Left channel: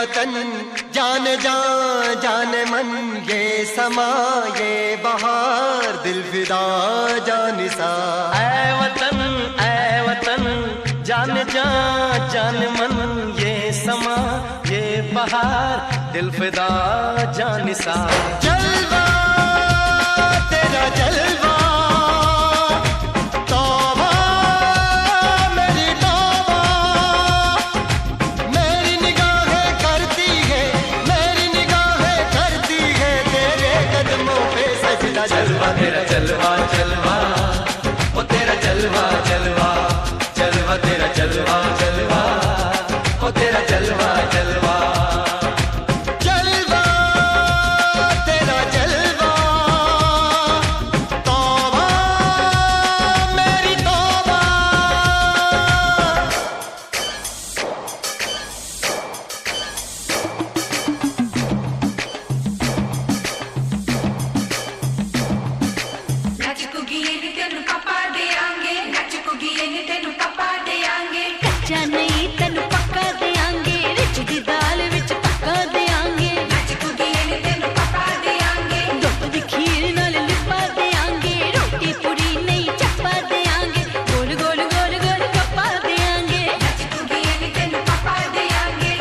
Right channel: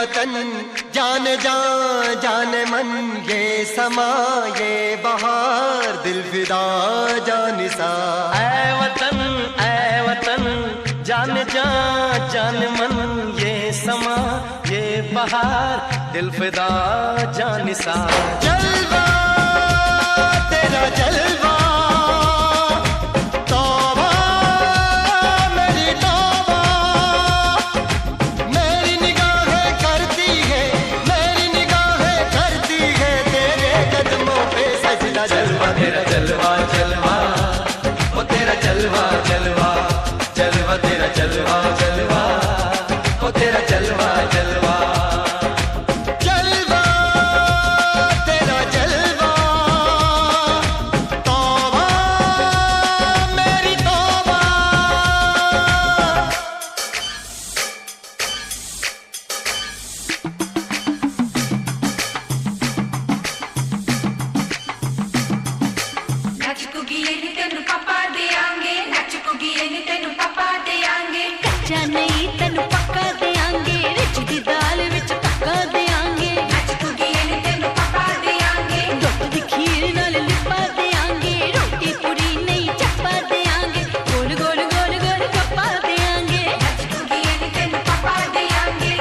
वतन जान जान जान मन, ये समा ये बहार दिल फिदा जानिसा। ऐ वतन जान जान जान मन, ये समा ये बहार दिल फिदा जानिसा। जलवा तेरा जलवा, तौबा मेरी तौबा, मेरी निगाहें करती है, मेरी निगाहें करती है तेरे कदमों पे सजदा। जलवा तेरा जलवा जलवा, ओ तेरा जलवा जलवा, जलवा तेरा जलवा जलवा, ओ तेरा जलवा जलवा। जलवा तेरा जलवा, तौबा मेरी तौबा। नच कुगी नी तेनू पापा देंगे, नच कुगी नी तेनू पापा देंगे। कच्चा नहीं तेनू पक्का देंगे, रिच दी दाल विच पक्का देंगे। नच कुगी नी तेनू पापा देंगे, दुध दी खीर नाल लिपा देंगे। रोटी पूरी नहीं चप्पा देंगे, गोल गोल गोल गोल गप्पा देंगे। नच कुगी नी तेनू पापा देंगे।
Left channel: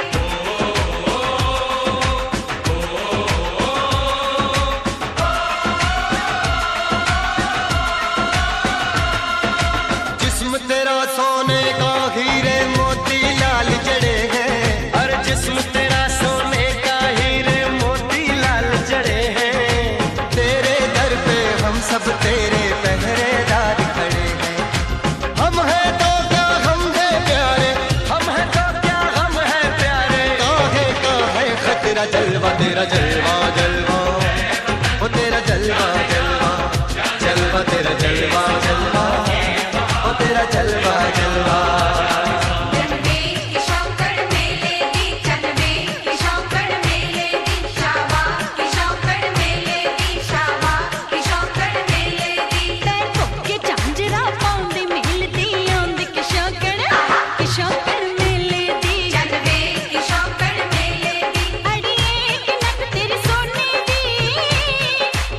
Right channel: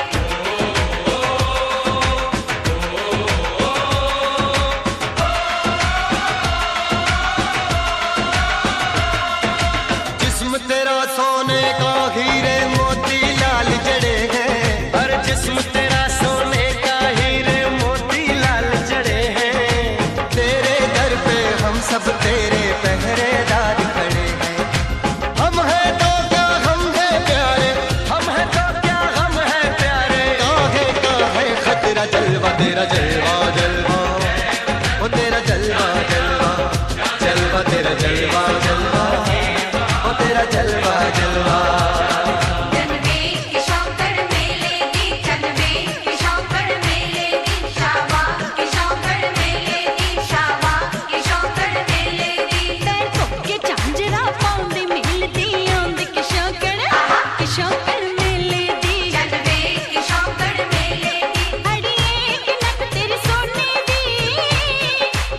जिस्म तेरा सोने का हीरे मोती लाल जड़े हैं, हर जिस्म तेरा सोने का हीरे मोती लाल जड़े हैं। तेरे दर पे हम सब तेरे पहरेदार खड़े हैं। हम हैं तो क्या हम हैं प्यारे, हम हैं तो क्या हम हैं प्यारे। काहे का है खतरा। जलवा तेरा जलवा जलवा, ओ तेरा जलवा जलवा, जलवा तेरा जलवा जलवा, ओ तेरा जलवा जलवा। जनवे की शौकड़ मेले दी, जनवे की शौकड़ मेले दी, शावा की शौकड़ मेले दी, शावा की शौकड़ मेले दी। पैर धोके झांजरा पाउंदी मिलदी आंदी कि शौकड़ मेले दी। जनवे की शौकड़ मेले दी, अड़िए कि नक तेरी सोने दी,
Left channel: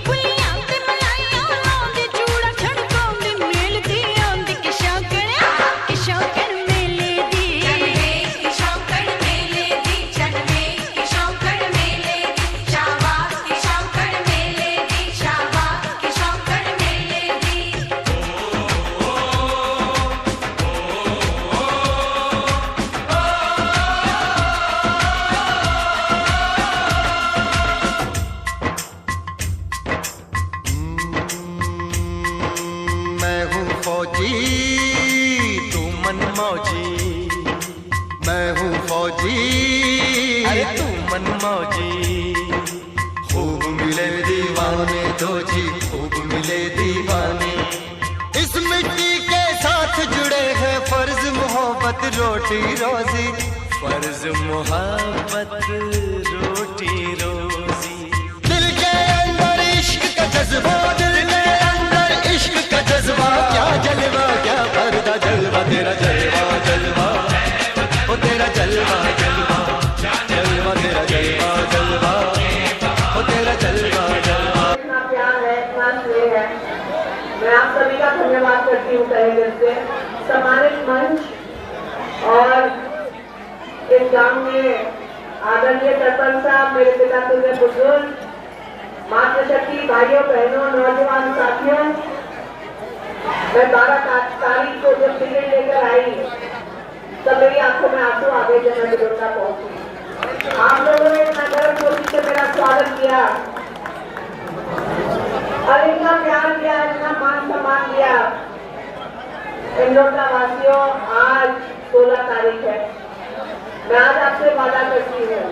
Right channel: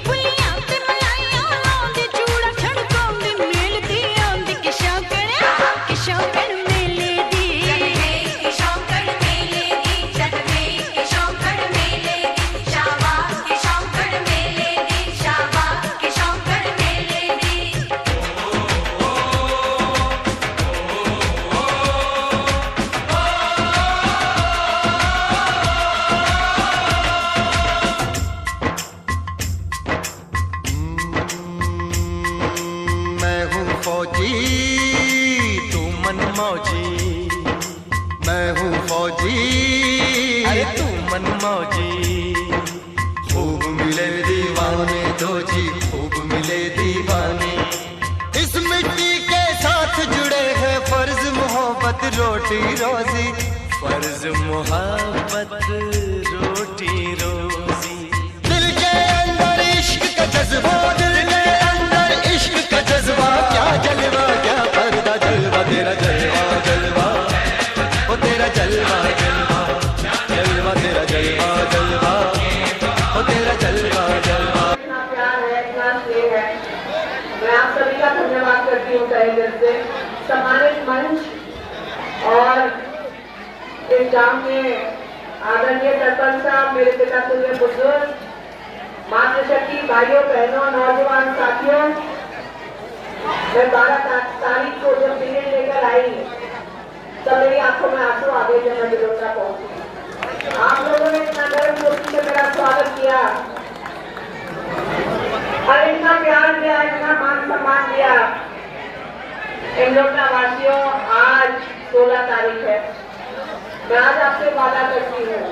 बुलियां ते मलाइयां लाउंदी, चूड़ा छड़काउंदी मिलदी आंदी कि शौकड़ मेले दी। जनवे की शौकड़ मेले दी, जनवे की शौकड़ मेले दी, शावा की शौकड़ मेले दी, शावा की शौकड़ मेले दी। मैं हूँ फौजी, तू मन मौजी, मैं हूँ फौजी, अरे तू मन मौजी। खूब मिले दीवाने दो जी, खूब मिले दीवाने। इस मिट्टी के साथ जुड़े हैं फर्ज मोहब्बत रोटी रोजी। फर्ज मोहब्बत रोटी रोजी। दिल के अंदर इश्क का जज्बा, दिल के अंदर इश्क का जज्बा। क्या जलवा क्या पर्दा, जलवा तेरा जलवा जलवा, ओ तेरा जलवा जलवा, जलवा तेरा जलवा जलवा, ओ तेरा जलवा जलवा। इतना प्यार है, इतना स्नेह है। मैं आप सभी का धन्यवाद करती हूँ तहे दिल से। सम्मानित मंच और एग्जाम में आदरणीय सरपंच साहब, मेरे पिता तुल्य बुजुर्ग, मातृशक्ति भाइयों बहनों नौजवान साथियों, मैं 12 तारीख को जब टिकट लेकर आई तब मेरी आंखों में आंसू आ गए जब मैं बिलोका पहुंची। आप लोगों ने इतना गर्म जोशी से मेरा स्वागत किया और इतना प्यार दिया, इतना मान सम्मान दिया। इंदौर वासियों, आज 16 तारीख है। मैं आज आपसे वादा करती हूँ,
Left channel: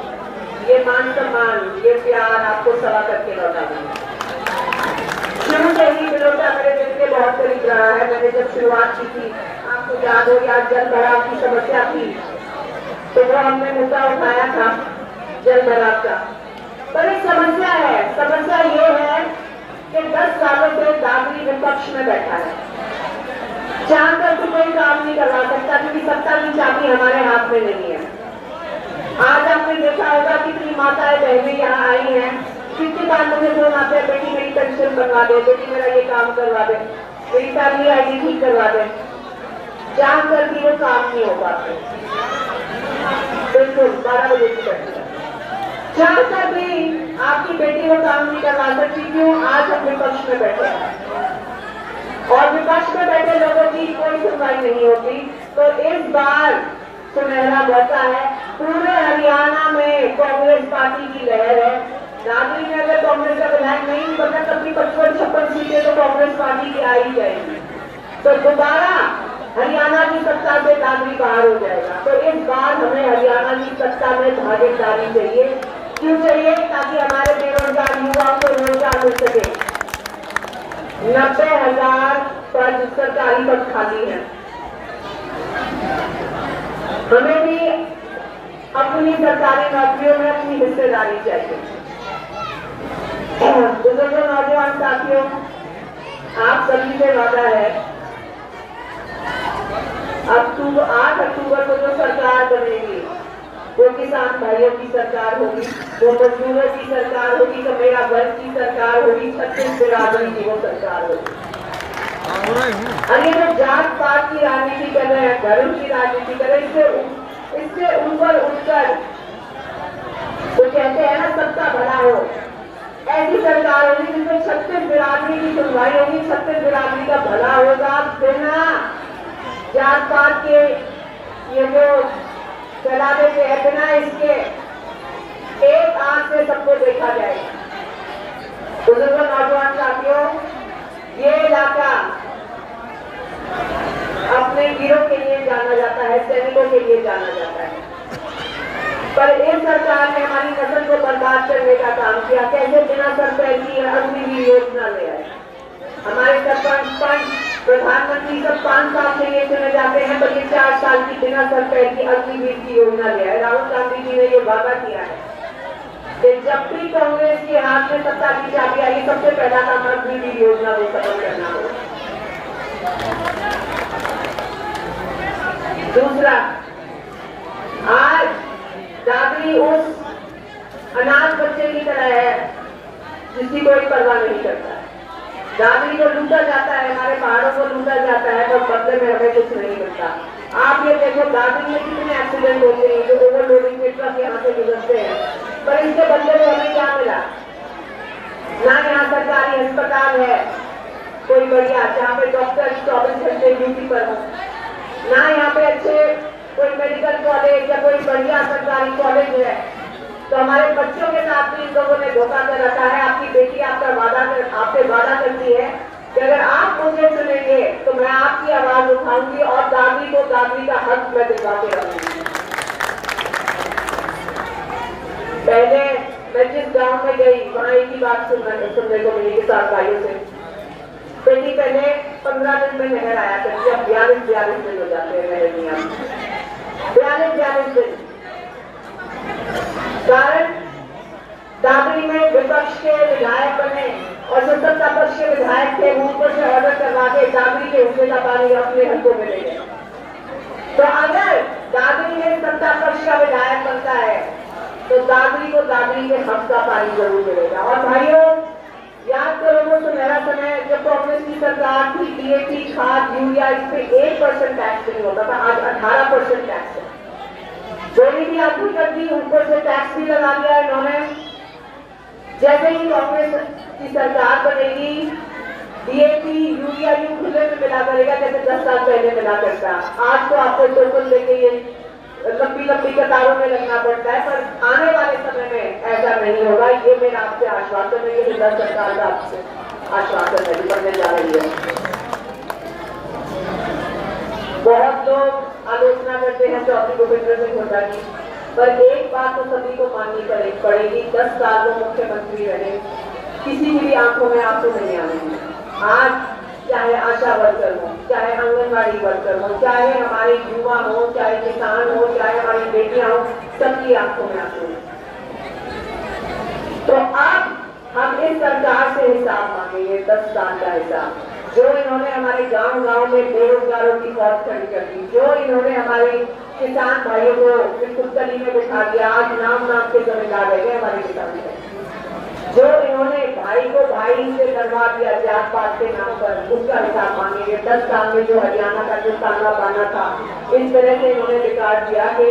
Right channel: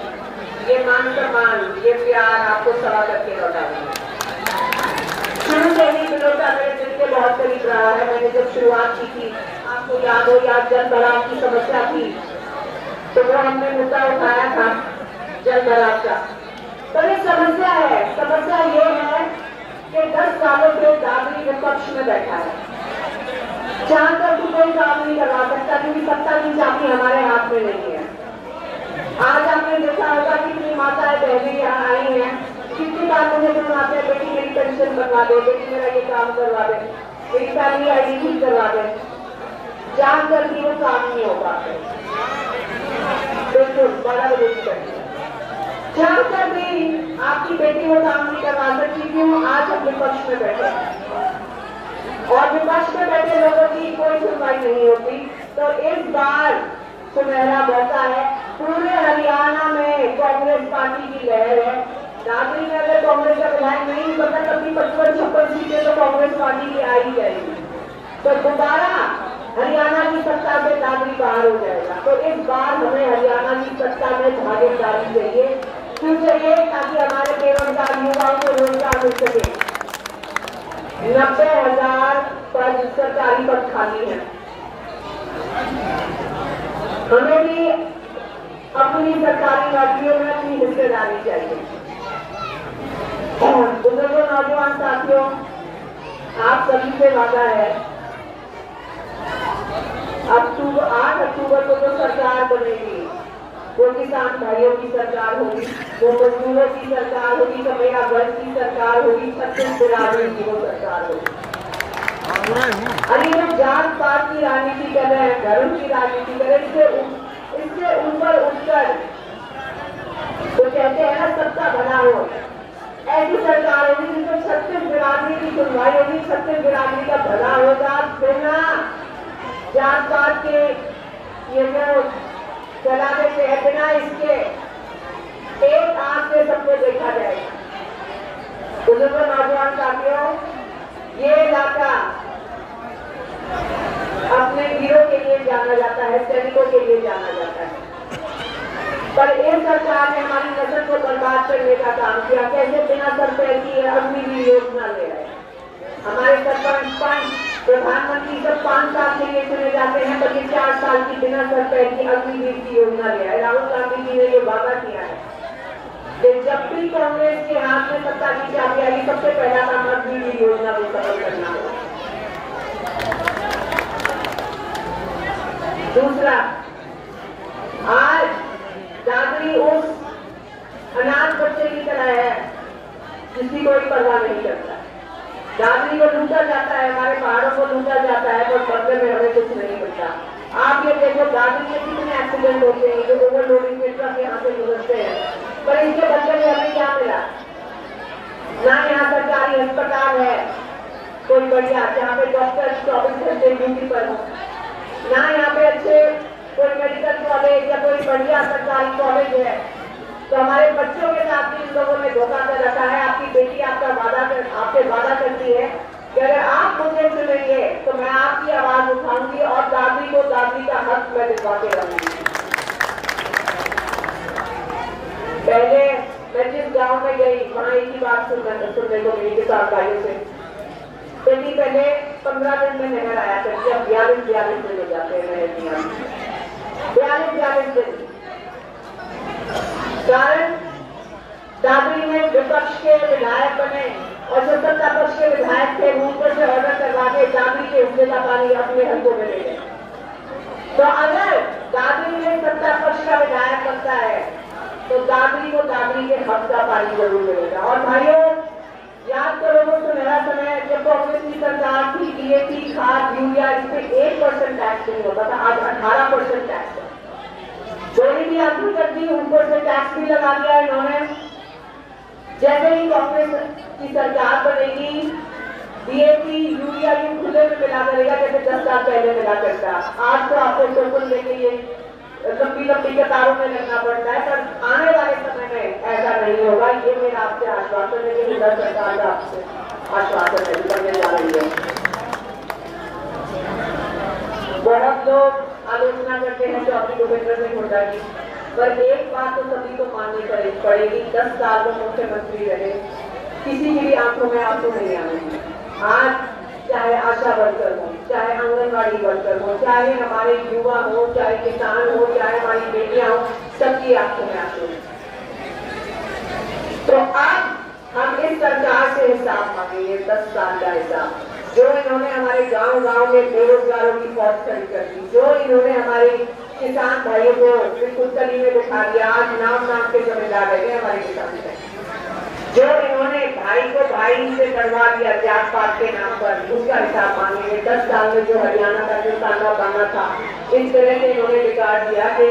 ये मान सम्मान, ये प्यार आपको सवा करके लौटा दूंगा। शुरू से ही बिलोटा मेरे दिल के बहुत करीब रहा है। मैंने जब शुरुआत की थी, आपको याद हो, या जल भराव की समस्या थी, तो वो हमने मुद्दा उठाया था जल भराव का। पर एक समस्या है, समस्या ये है कि 10 सालों से दागी विपक्ष में बैठा है, जहां तक कोई काम नहीं करवा सकता, क्योंकि सत्ता की चाबी हमारे हाथ में नहीं है। आज आपने देखा होगा कितनी माताएं बहनें यहाँ आई हैं, कितनी बार मुझे फोन आते हैं, बेटी मेरी पेंशन बनवा दे, बेटी मेरा ये काम करवा दे, मेरी फैमिली आईडी ठीक करवा दे। जान कर भी वो काम नहीं हो पाते। बिल्कुल 12 बजे की घटना, जान कर भी आपकी बेटी वो काम नहीं करवा सकती। क्यों? आज हम विपक्ष में बैठे हैं और विपक्ष में बैठे लोगों की कोई सुनवाई नहीं होती। तो इस बार सुनहरा मौका है, पूरे हरियाणा में कांग्रेस पार्टी की लहर है। दादरी में अगर कांग्रेस का विधायक नहीं बना तब भी 55-56 सीटें तो कांग्रेस पार्टी की आई जाएगी। तो दोबारा हरियाणा की सत्ता से दादरी बाहर हो जाएगा। तो इस बार हमें हरियाणा की सत्ता में भागीदारी चाहिए। क्यों चाहिए? ताकि हमारे बेरोजगार युवाओं को रोजगार मिल सके। 90,000 पद सरकारी पद खाली है। हमें भी अपनी सरकारी नौकरियों में अपनी हिस्सेदारी चाहिए। बुजुर्गों, नौजवान साथियों, आप सभी से वादा है 8 अक्टूबर को जो सरकार बनेगी वो किसान भाइयों की सरकार होगी, वो मजदूरों की सरकार होगी, तो मेरा वर्ग की सरकार होगी, छत्तीस बिरादरी की वो सरकार होगी। और ये जो जात पात की राजनीति कर रहे हैं, धर्म की राजनीति कर रहे हैं, इससे ऊपर उठकर तो कहते हैं ना सबका भला हो, ऐसी सरकार होगी जिसमें छत्तीस बिरादरी की सुनवाई होगी, छत्तीस बिरादरी का भला होगा। बिना जात पात के ये जो चला देते हैं, बिना इसके एक आंख से सबको देखा जाएगा। बुजुर्गों, नौजवान साथियों, ये इलाका अपने वीरों के लिए जाना जाता है, सैनिकों के लिए जाना जाता है। पर इस सरकार ने हमारी नस्ल को बर्बाद करने का काम किया। कैसे? बिना सर पैर की अग्निवीर योजना ले आए। हमारे सरपंच प्रधानमंत्री सब 5 साल के लिए चुने जाते हैं, बल्कि 4 साल की बिना सर पैर की अग्निवीर की योजना ले आए। राहुल गांधी जी ने ये वादा किया है कि जब भी कांग्रेस के हाथ में सत्ता की चाबी आएगी, सबसे पहला काम अग्निवीर योजना को सफल करना होगा। दूसरा, आज दादरी उस अनाथ बच्चे की तरह है जिसकी कोई परवाह नहीं करता है। दादरी को लूटा जाता है, हमारे पहाड़ों को लूटा जाता है, पर बदले में हमें कुछ नहीं मिलता। आप ये देखो दादरी में कितने एक्सीडेंट होते हैं, जो ओवरलोडिंग के ट्रक यहाँ से गुजरते हैं, पर इनके बदले में हमें क्या मिला? ना यहाँ सरकारी अस्पताल है कोई बढ़िया जहाँ पे डॉक्टर 24 घंटे ड्यूटी पर हो, ना यहाँ पे अच्छे कोई मेडिकल कॉलेज या कोई बढ़िया सरकारी कॉलेज है। तो हमारे बच्चों के साथ भी इन लोगों ने धोखा कर रखा है। आपकी बेटी आपसे वादा करती है कि अगर आप मुझे चुनेंगे तो मैं आपकी आवाज उठाऊंगी और दादी को दादी का हक मैं दिलवा के रहूंगी। पहले मैं जिस गांव में गई वहां एक ही बात सुनने को मिली किसान भाइयों से, बेटी पहले 15 दिन में नहर आया करती, अब 42 दिन हो जाते हैं। 42 दिन। कारण दादरी में विपक्ष के विधायक बने और जो सत्ता पक्ष के विधायक थे ऊपर से ऑर्डर करवा के दादरी के हिस्से का पानी अपने हल्कों में ले गए। तो अगर दादरी में सत्ता पक्ष का विधायक बनता है तो दादरी को दादरी के हक का पानी जरूर मिलेगा। और भाइयों, याद करो वो सुनहरा समय जब कांग्रेस की सरकार थी, डीएपी, खाद, यूरिया, इस पे 1% टैक्स नहीं होता था, आज 18% टैक्स है। चोरी भी आदमी कर दी, ऊपर से टैक्स भी लगा दिया इन्होंने। जैसे ही कांग्रेस की सरकार बनेगी, डीएपी, यूरिया यूं खुले में मिला करेगा जैसे 10 साल पहले मिला करता। आज तो आपको टोकन लेके ये लंबी कतारों में लगना पड़ता है, पर आने वाले समय में ऐसा नहीं होगा। ये मेरा आपसे आश्वासन है, ये मेरा सरकार का आपसे आश्वासन है, करने जा रही है। बहुत लोग आलोचना करते हैं चौधरी भूपेंद्र सिंह हुड्डा की, पर एक बात तो सभी को माननी पड़ेगी, 10 साल वो मुख्यमंत्री रहे, किसी की भी आंखों में आंसू नहीं आने। आज चाहे आशा वर्कर हो, चाहे आंगनबाड़ी वर्कर हो, चाहे हमारे युवा हो, चाहे किसान हो, चाहे हमारी बेटियां हो, सबकी आंखों में आंसू हैं। तो अब हम इस सरकार से हिसाब मांगेंगे, 10 साल का हिसाब। जो इन्होंने हमारे गांव-गांव में बेरोजगारों की मौत खड़ी कर दी, जो इन्होंने हमारी किसान भाइयों को इस कुत्तली में बिठा दिया। आज नाम के जमींदार रह गए हमारे किसान भाई। जो इन्होंने भाई को भाई से करवा दिया जात पात के नाम पर, उसका हिसाब मांगेंगे। 10 साल में जो हरियाणा का जो ताना बाना था, इस तरह से इन्होंने बिगाड़ दिया कि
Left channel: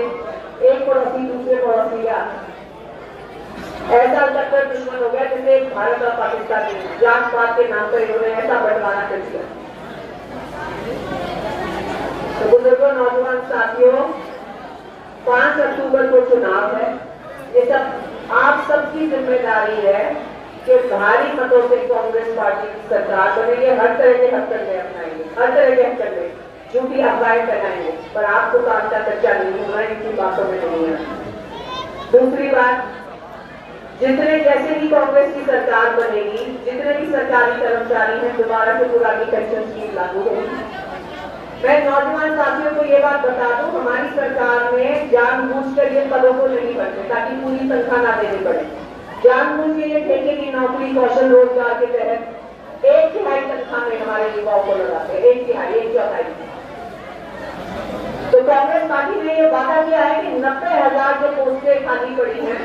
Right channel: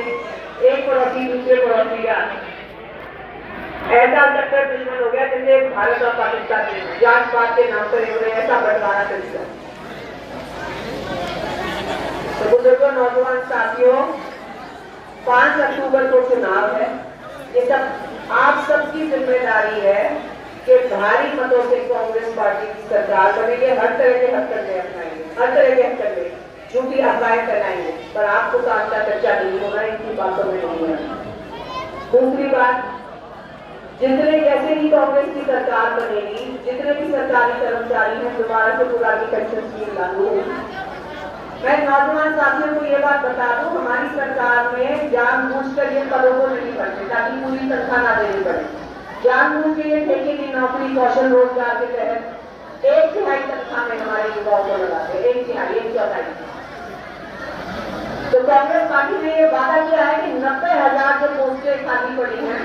एक पड़ोसी दूसरे पड़ोसी का ऐसा टक्कर दुश्मन हो गया जैसे भारत और पाकिस्तान में जात पात के नाम पर इन्होंने ऐसा बंटवारा कर दिया। तो बुजुर्गों, नौजवान साथियों, 5 अक्टूबर को चुनाव है। ये सब आप सबकी जिम्मेदारी है कि भारी मतों से कांग्रेस पार्टी की सरकार बनेगी। हर तरह के हथकंडे अपनाएंगे, हर तरह के हथकंडे, झूठी अफवाहें फैलाएंगे, पर आपको तो आज का चर्चा नहीं होगा, इनकी बातों में नहीं है। दूसरी बात, जितने जैसे ही कांग्रेस की सरकार बनेगी, जितने भी सरकारी कर्मचारी हैं, दोबारा से पुरानी पेंशन स्कीम लागू होगी। मैं नौजवान साथियों को ये बात बता दूं, हमारी सरकार में जानबूझकर ये पदों को नहीं भरते ताकि पूरी तनख्वाह ना देनी पड़े। जानबूझ के ये ठेके की नौकरी, कौशल रोजगार के तहत 1/3 तनख्वाह में हमारे युवाओं को लगाते हैं। 1/4। तो कांग्रेस पार्टी ने ये वादा किया है कि 90,000 जो पोस्टें खाली पड़ी हैं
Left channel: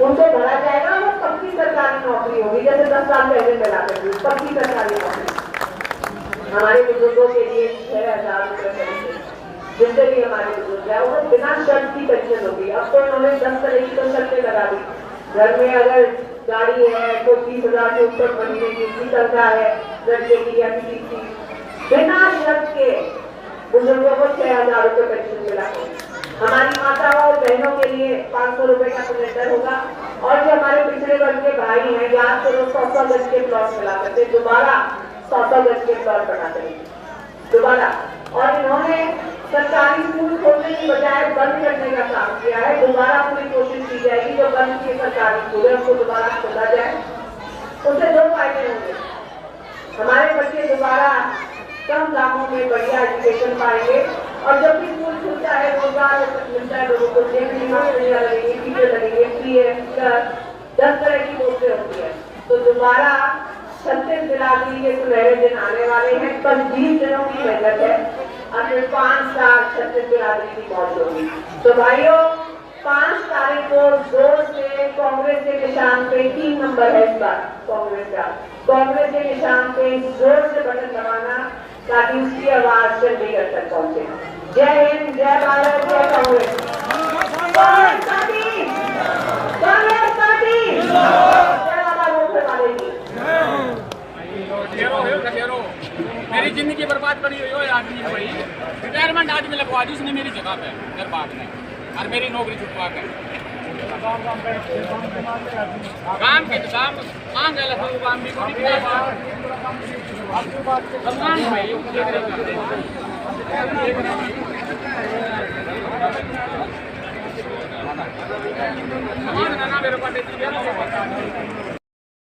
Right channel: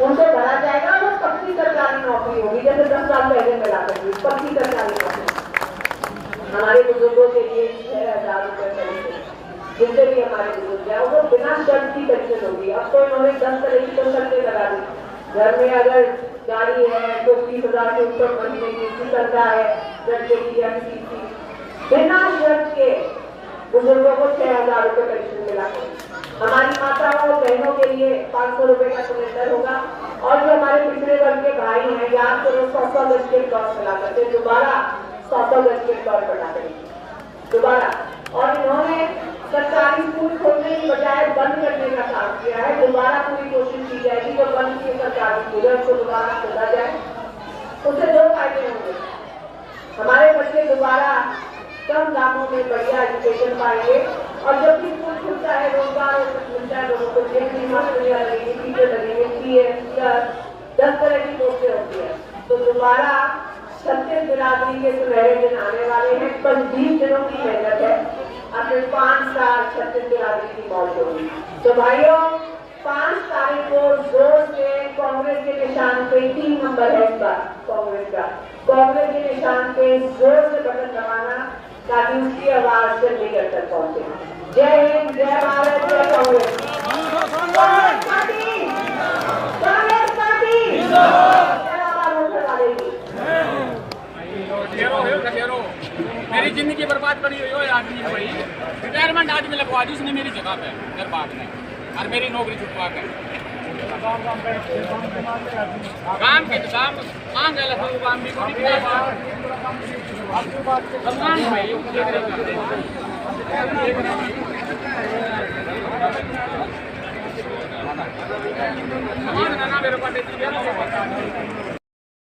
उनको भरा जाएगा और पक्की सरकारी नौकरी होगी, जैसे 10 साल पहले मिलाते थे, पक्की सरकारी नौकरी। हमारे बुजुर्गों के लिए 6,000 रुपये करेंगे, जिनसे भी हमारे बुजुर्ग है वो बिना शर्त की पेंशन होगी। अब तो उन्होंने 10 तरह की तो शर्तें लगा दी। घर में अगर गाड़ी है तो 30,000 से ऊपर महीने की तनख्वाह है लड़के की या किसी की, बिना शर्त के बुजुर्गों को 6,000 रुपये पेंशन मिला। हमारी माताओं बहनों के लिए 500 रुपये का सिलेंडर होगा। और जो हमारे पिछड़े वर्ग के भाई हैं, याद करो 100 गज के प्लॉट मिला करते, दोबारा 100 गज के प्लॉट बना देंगे दोबारा। और इन्होंने सरकारी स्कूल खोलने की बजाय बंद करने का काम किया है। दोबारा पूरी कोशिश की जाएगी, जो बंद किए सरकारी स्कूल है उसको दोबारा खोला जाए। उससे 2 फायदे होंगे। हमारे बच्चे दोबारा कम दामों में बढ़िया एजुकेशन पाएंगे, और जब भी स्कूल खुलता है रोजगार मिलता है लोगों को, लगेंगे, टीचर लगेंगे, PS 10 तरह की पोस्टें होती है। तो दोबारा 36 बिरादरी के सुनहरे दिन आने वाले हैं। 20 दिनों की मेहनत है, अगले 5 साल 36 बिरादरी की मौज होगी। तो भाइयों, 5 तारीख को जोर से कांग्रेस के निशान पे 3 नंबर है इस बार कांग्रेस का, कांग्रेस के निशान पे जोर से बटन दबाना ताकि उसकी आवाज चंडीगढ़ तक पहुंचे। जय हिंद, जय भारत, जय कांग्रेस। कांग्रेस पार्टी, कांग्रेस पार्टी, जय बाबा मोहन वाले की। मेरी जिंदगी बर्बाद करी हुई है आदमी ने, भाई रिटायरमेंट आदमी लगवा दी उसने मेरी जगह पे बर्बाद में, और मेरी नौकरी छुटवा कर काम के काम कहाँ गया काम भी भाई मेरे पास